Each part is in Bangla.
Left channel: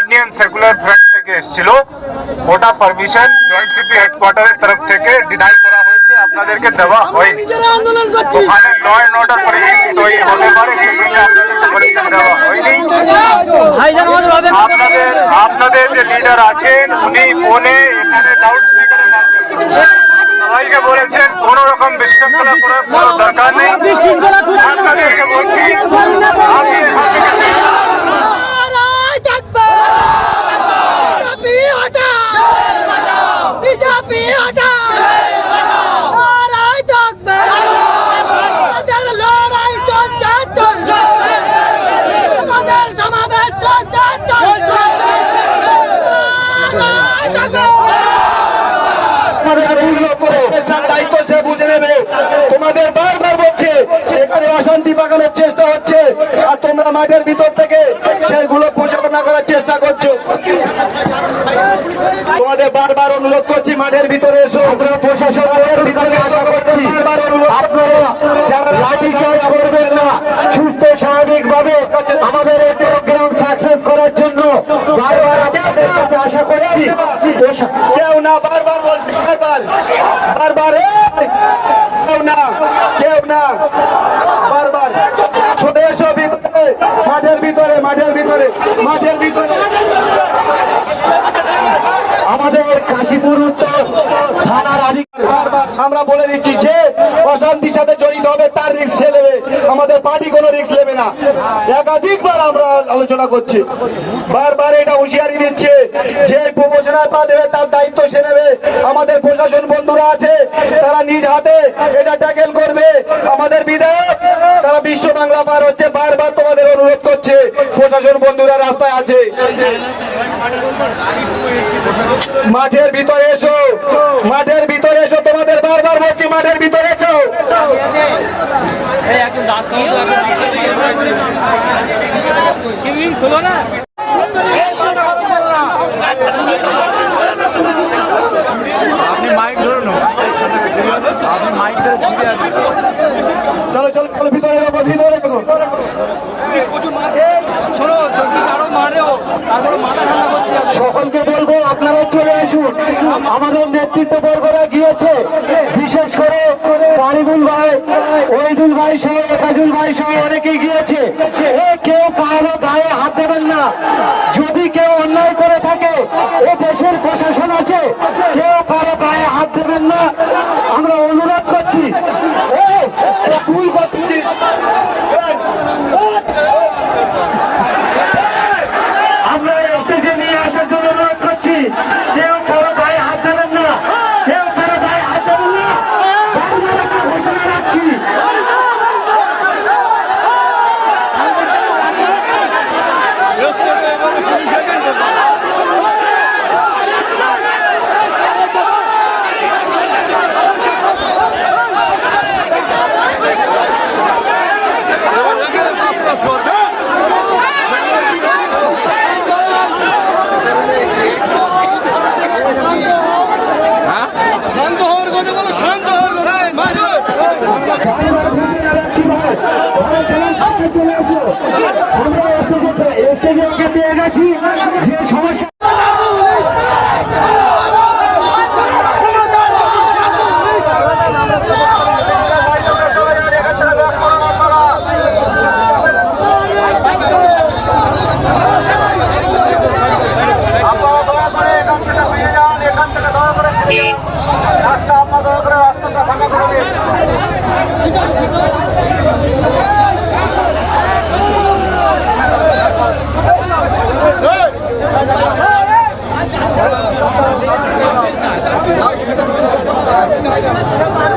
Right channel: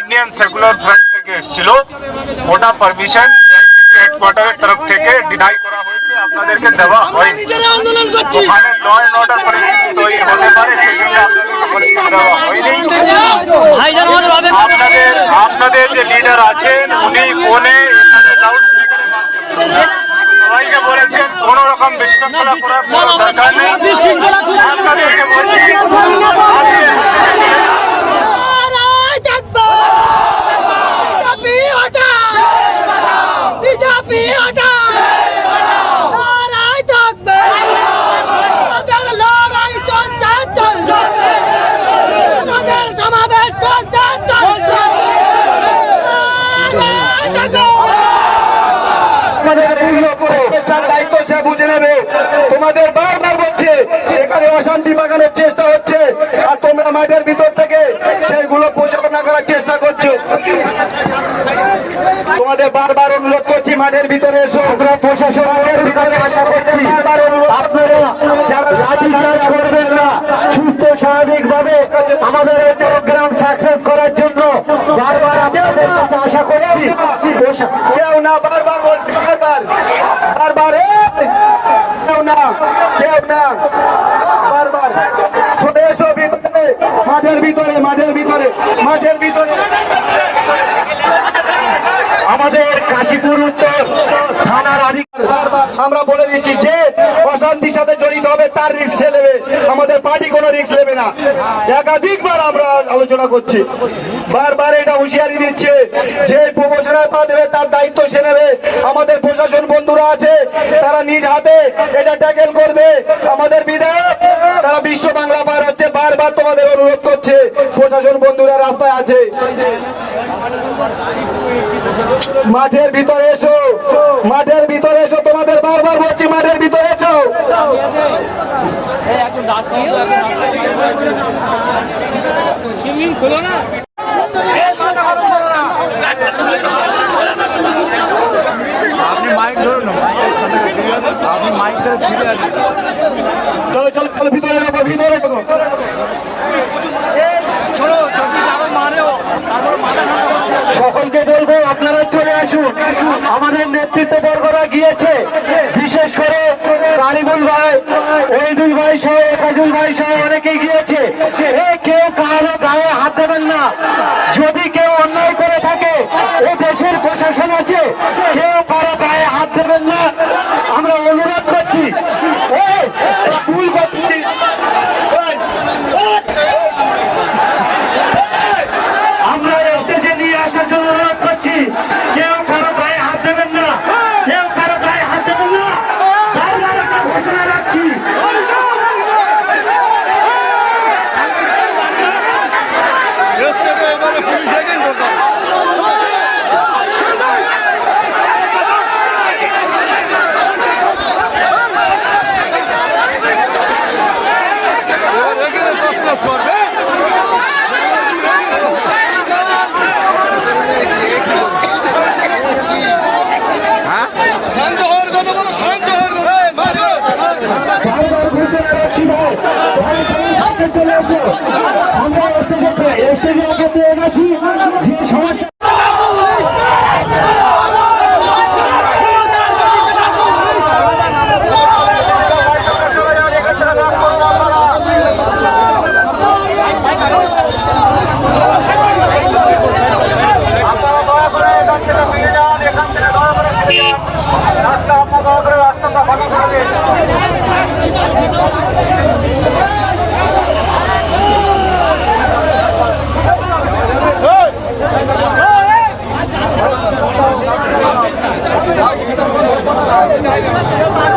ইন্ডিয়ান সেকুলার ফ্রন্ট থেকে এসেছিল। ওটা পারমিশন জয়েন্ট সিটি হেডকোয়ার্টারের তরফ থেকে ডিনাই করা হয়েছে। আপনাদেরকে দেওয়া হয়নি ওখানে ল অ্যান্ড অর্ডার পরিস্থিতি তৈরি হতে পারে, সেজন্য আপনাদেরকে পারমিশন দেওয়া হয়নি। আপনাদের আপনাদের যে লিডার আছেন, উনি ফোনে এখানে লাউড স্পিকারের মাধ্যমে বিশৃঙ্খলা করার কোনো দরকার নেই আপনাদেরকে বলছি আজকে নারায় স্পেশাল দায়িত্ব সে বুঝে নেবে। তোমাদের বারবার বলছে এখানে অশান্তি পাকানোর চেষ্টা হচ্ছে আর তোমরা মাঠের ভিতর থেকে সেগুলো পরিচালনা করার চেষ্টা করছ। তোমাদের বারবার অনুরোধ করছি মাঠের ভিতরে এসো। আমরা প্রশাসনের বারবার অনুরোধ আপনারা যারা লাঠি চার্জ করবেন না সুস্থ স্বাভাবিক ভাবে আমাদের এই প্রোগ্রাম সাকসেস করার জন্য বারবার আশা করছি। কেউ না বারবার বারবার কেউ না কেউ না। বারবার। ছোট এসো ভিতরে। মাঠের ভিতরে মাঠের ভিতরে মাঠের ভিতরে। আমাদের কাশীপুর উত্তর থানার আধিকার আমরা বলে দিচ্ছি যে, অশান্তির সাথে জড়িত হবে তার রিস্ক সে নেবে আমাদের পার্টি কোনো রিস্ক নেবে না। একাধিকবার আমরা আলোচনা করছি। বারবার এটা হুঁশিয়ারি দিচ্ছে। যে প্রমোশনের পা দেবে, তার দায়িত্ব সে নেবে। আমাদের প্রশাসন বন্ধুরা আছে, তারা নিজ হাতে এটা ট্যাকেল করবে। আমাদের বিধায়ক, তারা বিশ্ব বাংলা পার হচ্ছে। বারবার তোমাদের অনুরোধ করছে। প্রশাসন বন্ধুরা রাস্তায় আছে। মাঠের ভিতরে এসো। মাঠের ভিতরে এসো। তোমাদের বারবার বলছি, মাঠের ভিতরে এসো। আপনি মাইক ধরুন আপনি মাইক ধরে ফিরে আসুন। চলো চলো চলো ভিতরে ঢোকো, ভিতরে সকলকে বলব আপনারা চলে আসুন। আমাদের নেতৃত্ব বর্গরা গিয়েছে। বিশেষ করে কারিবুল ভাই ওইদুল ভাই সহ, কাজুল ভাই সহ অনেকে গিয়েছে কেউ কারও গায়ে হাত দেবেন না। যদি কেউ অন্যায় করে থাকে, এ দেশের প্রশাসন আছে, কেউ কারও গায়ে হাত দেবেন না আমরা অনুরোধ করছি এ, তুই করছিস আমরা স্টেজে নিয়ে আসার জন্য অনুরোধ করছি কেউ কারও গায়ে হাত দেবেন না কেউ কারও গায়ে হাত দেবেন না বারবার একটা ঘোষণা রাখছি আমরা স্টেজে আগে পেয়ে গেছি যে সমস্যা রাস্তা আপনার দয়া করে রাস্তাটা ফাঁকা করে দিন একটু করে শুনুন সবাই দয়া করে শুনুন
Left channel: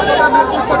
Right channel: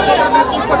আপনাদের নেতৃত্ব